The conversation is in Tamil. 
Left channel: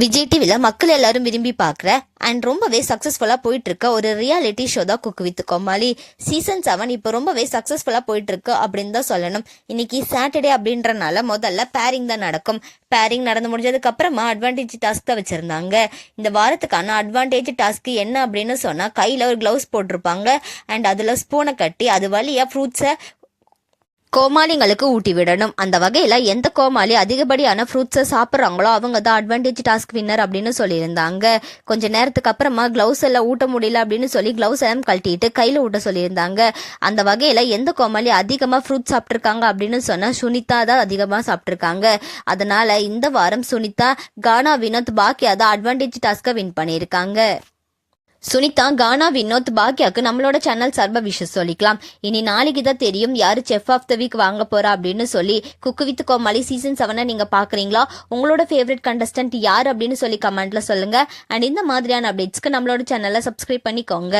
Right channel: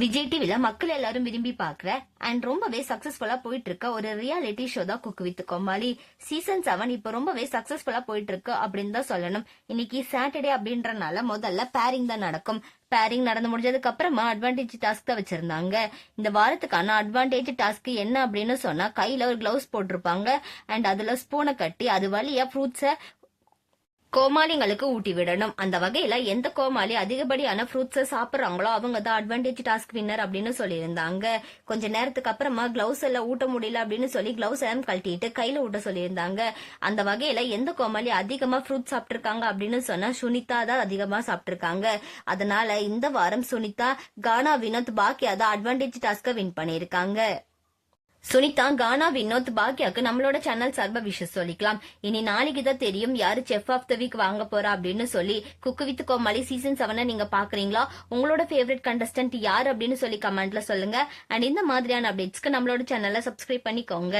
விஜய் டிவில மக்கள் எல்லாரும் விரும்பி பார்க்குற அண்ட் ரொம்பவே சக்ஸஸ்ஃபுல்லாக போயிட்டு இருக்க ஒரு ரியாலிட்டி ஷோ தான் குக்கு வித் கோமாளி. சீசன் 7 இப்போ ரொம்பவே சக்ஸஸ்ஃபுல்லாக போயிட்டு இருக்கு அப்படின்னு தான் சொல்லணும். இன்னைக்கு சாட்டர்டே அப்படின்றனால முதல்ல பேரிங் தான் நடக்கும். பேரிங் நடந்து முடிஞ்சதுக்கு அப்புறமா அட்வான்டேஜ் டாஸ்க் தான் வச்சிருந்தாங்க. இந்த வாரத்துக்கான அட்வான்டேஜ் டாஸ்க் என்ன அப்படின்னு சொன்னா, கையில ஒரு கிளவுஸ் போட்டிருப்பாங்க அண்ட் அதுல ஸ்பூனை கட்டி அது வழியா ஃப்ரூட்ஸை கோமாளிங்களுக்கு ஊட்டி விடணும். அந்த வகையில எந்த கோமாளி அதிகப்படியான ஃப்ரூட்ஸை சாப்பிட்றாங்களோ அவங்க தான் அட்வான்டேஜ் டாஸ்க் வின்னர் அப்படின்னு சொல்லியிருந்தாங்க. கொஞ்ச நேரத்துக்கு அப்புறமா கிளவுஸ் எல்லாம் ஊட்ட முடியல அப்படின்னு சொல்லி கிளவுஸ் எல்லாம் கழட்டிட்டு கையில ஊட்ட சொல்லியிருந்தாங்க. அந்த வகையில எந்த கோமாளி அதிகமா ஃப்ரூட் சாப்பிட்டுருக்காங்க அப்படின்னு சொன்னா சுனிதா தான் அதிகமா சாப்பிட்டுருக்காங்க. அதனால இந்த வாரம் சுனிதா, கானா, வினோத், பாக்கியா தான் அட்வான்டேஜ் டாஸ்கை வின் பண்ணியிருக்காங்க. சுனிதா, கானா, வினோத், பாக்கியாக்கு நம்மளோட சேனல் சார்பா விஷயம் சொல்லிக்கலாம். இனி நாளைக்கு தான் தெரியும் யாரு செஃப் ஆஃப் த வீக் வாங்க போறா அப்படின்னு சொல்லி. குக்கு வித் கோமாளி சீசன் 7 நீங்க பாக்குறீங்களா? உங்களோட ஃபேவரட் கண்டஸ்டன்ட் யார் அப்படின்னு சொல்லி கமெண்ட்ல சொல்லுங்க. அண்ட் இந்த மாதிரியான அப்டேட்ஸ்க்கு நம்மளோட சேனலை சப்ஸ்கிரைப் பண்ணிக்கோங்க.